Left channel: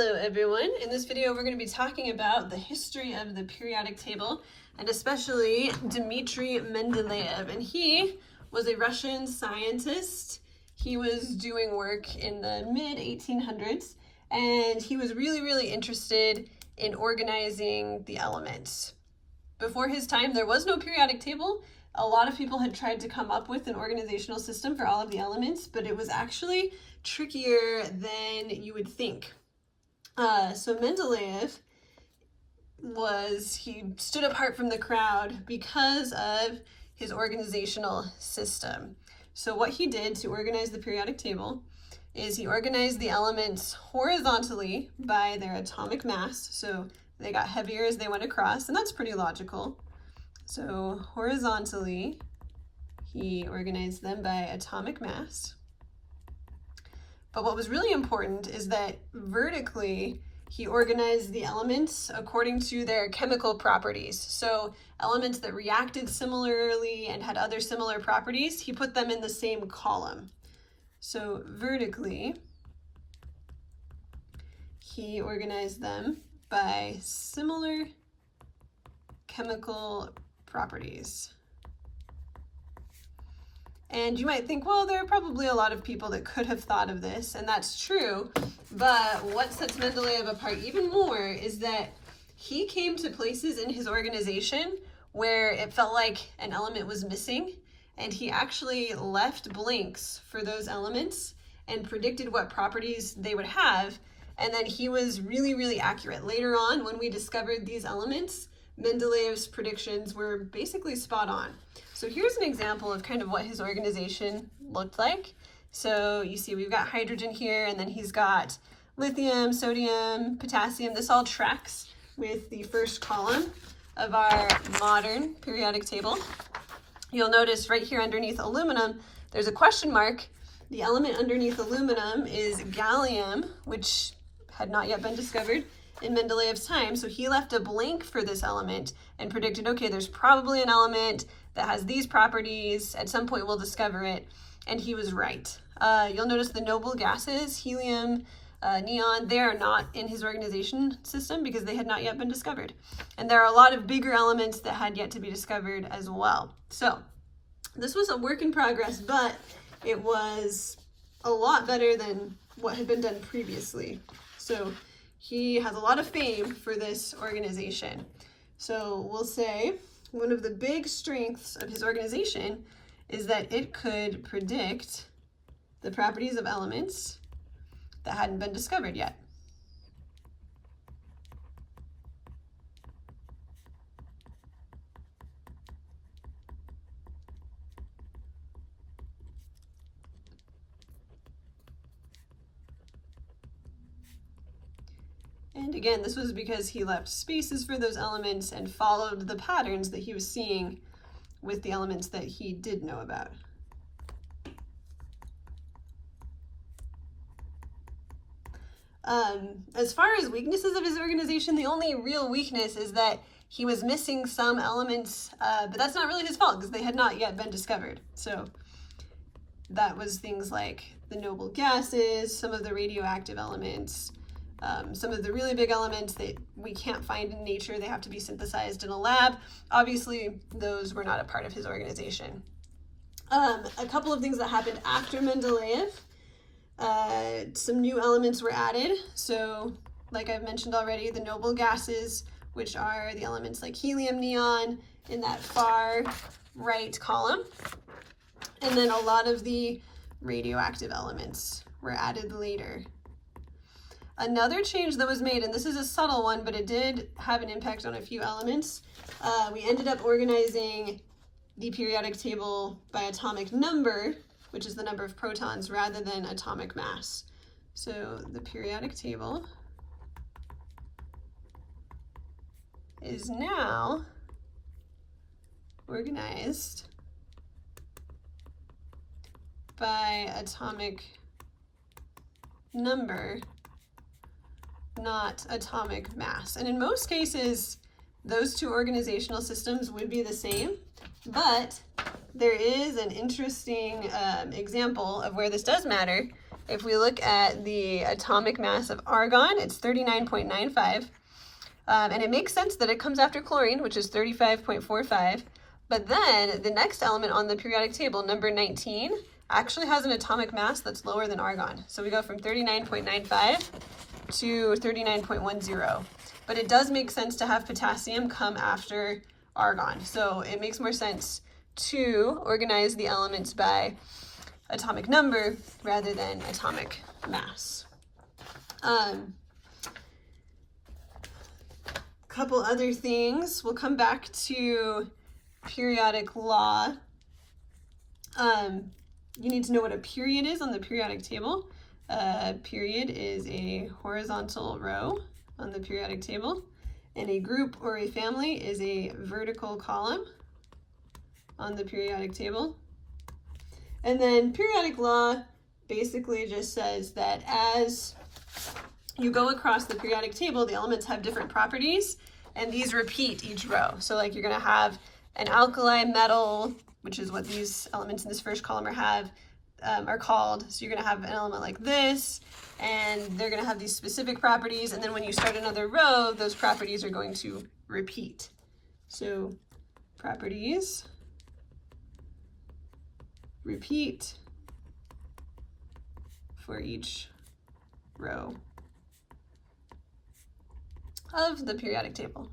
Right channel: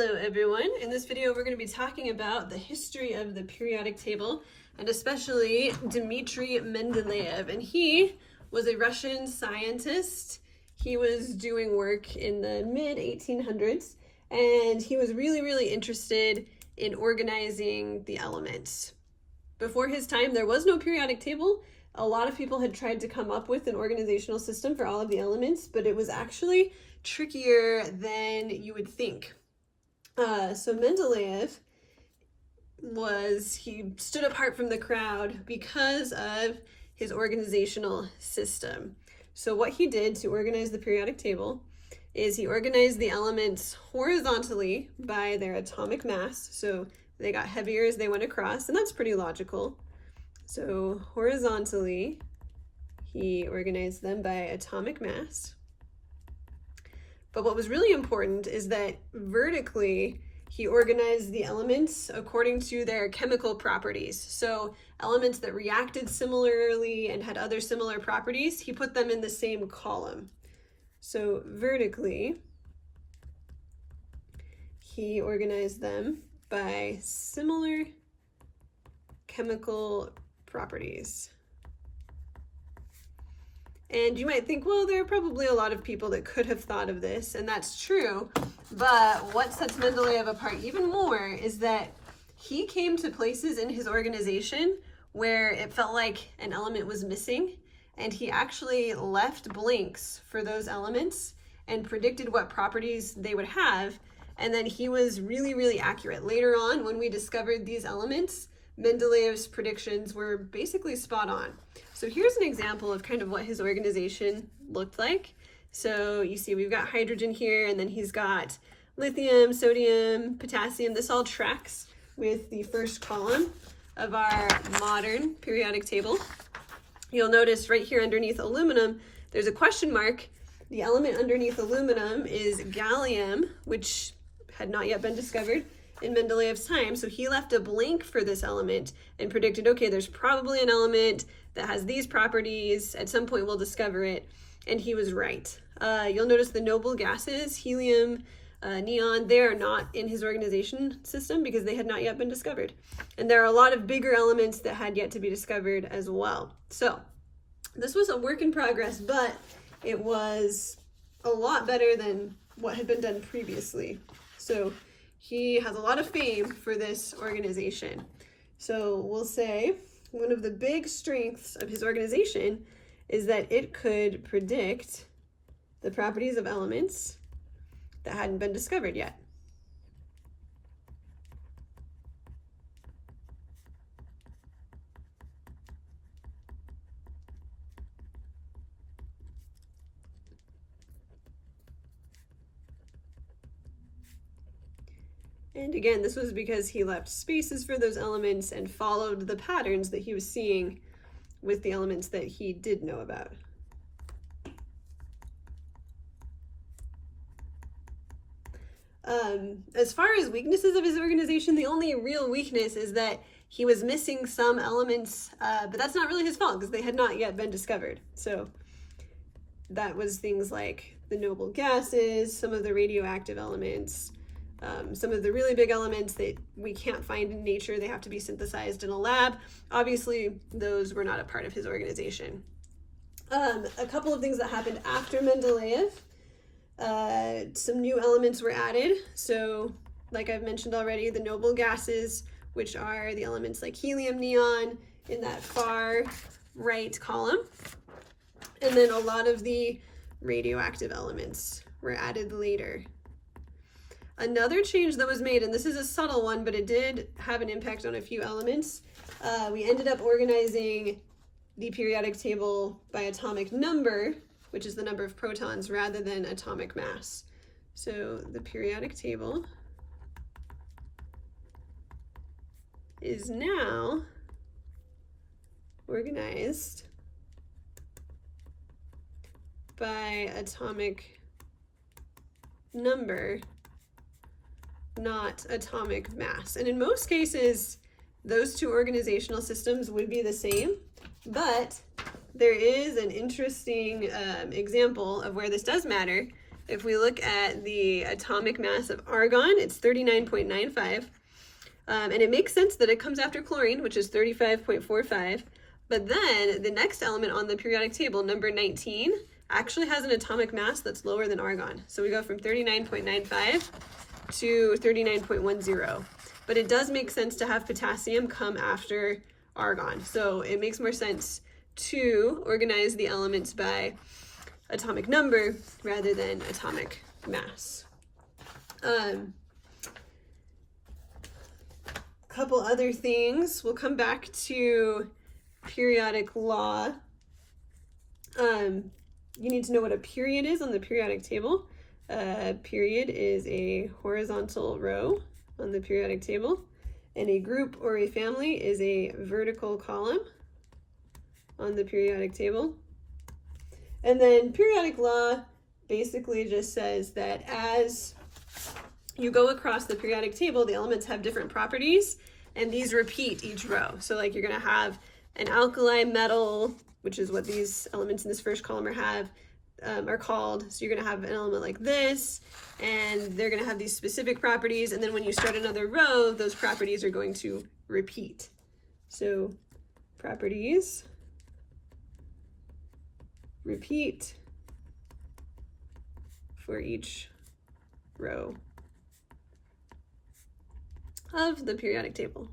Hello everyone. In this video we're going to be talking about the history of the periodic table and especially Dmitry Mendeleev. And he was a Russian scientist. He was doing work in the mid-1800s and he was really interested in organizing the elements. Before his time there was no periodic table. A lot of people had tried to come up with an organizational system for all of the elements, but it was actually trickier than you would think. So Mendeleev he stood apart from the crowd because of his organizational system. So what he did to organize the periodic table is he organized the elements horizontally by their atomic mass. So they got heavier as they went across, and that's pretty logical. So horizontally, he organized them by atomic mass. But what was really important is that vertically, he organized the elements according to their chemical properties. So elements that reacted similarly and had other similar properties, he put them in the same column. So vertically, he organized them by similar chemical properties. And you might think, well, there are probably a lot of people that could have thought of this, and that's true. But what sets Mendeleev apart even more is that he came to places in his organization where it felt like an element was missing, and he actually left blanks for those elements and predicted what properties they would have. And then he was really accurate. Later on, when we discovered these elements, Mendeleev's predictions were basically spot on. So here's an example of kind of what his organization looked like. So you see we've got hydrogen here, and then he's got lithium, sodium, potassium. This all tracks with the first column of our modern periodic table. You'll notice right here underneath aluminum, there's a question mark. The element underneath aluminum is gallium, which had not yet been discovered in Mendeleev's time. So he left a blank for this element and predicted, okay, there's probably an element that has these properties. At some point we'll discover it. And he was right. You'll notice the noble gases, helium, neon, they are not in his organization system because they had not yet been discovered. And there are a lot of bigger elements that had yet to be discovered as well. So this was a work in progress, but it was a lot better than what had been done previously. So he has a lot of fame for this organization. So we'll say one of the big strengths of his organization is that it could predict the properties of elements that hadn't been discovered yet. And again, this was because he left spaces for those elements and followed the patterns that he was seeing with the elements that he did know about. As far as weaknesses of his organization, the only real weakness is that he was missing some elements, but that's not really his fault because they had not yet been discovered. So that was things like the noble gases, some of the radioactive elements, some of the really big elements that we can't find in nature. They have to be synthesized in a lab. Obviously, those were not a part of his organization. A couple of things that happened after Mendeleev. Some new elements were added. So, like I've mentioned already, the noble gases, which are the elements like helium, neon, in that far right column. And then a lot of the radioactive elements were added later. Another change that was made, and this is a subtle one, but it did have an impact on a few elements. We ended up organizing the periodic table by atomic number, which is the number of protons, rather than atomic mass. So the periodic table is now organized by atomic number, not atomic mass. And in most cases, those two organizational systems would be the same, but there is an interesting example of where this does matter, if we look at the atomic mass of argon, it's 39.95. And it makes sense that it comes after chlorine, which is 35.45. But then the next element on the periodic table, number 19, actually has an atomic mass that's lower than argon. So we go from 39.95 to 39.10. But it does make sense to have potassium come after argon. So it makes more sense to organize the elements by atomic number rather than atomic mass. Couple other things. We'll come back to periodic law. You need to know what a period is on the periodic table. A period is a horizontal row on the periodic table, and a group or a family is a vertical column on the periodic table. And then periodic law basically just says that as you go across the periodic table, the elements have different properties, and these repeat each row. So like you're gonna have an alkali metal, which is what these elements in this first column are called. So you're gonna have an element like this, and they're gonna have these specific properties, and then when you start another row, those properties are going to repeat. So properties repeat for each row of the periodic table.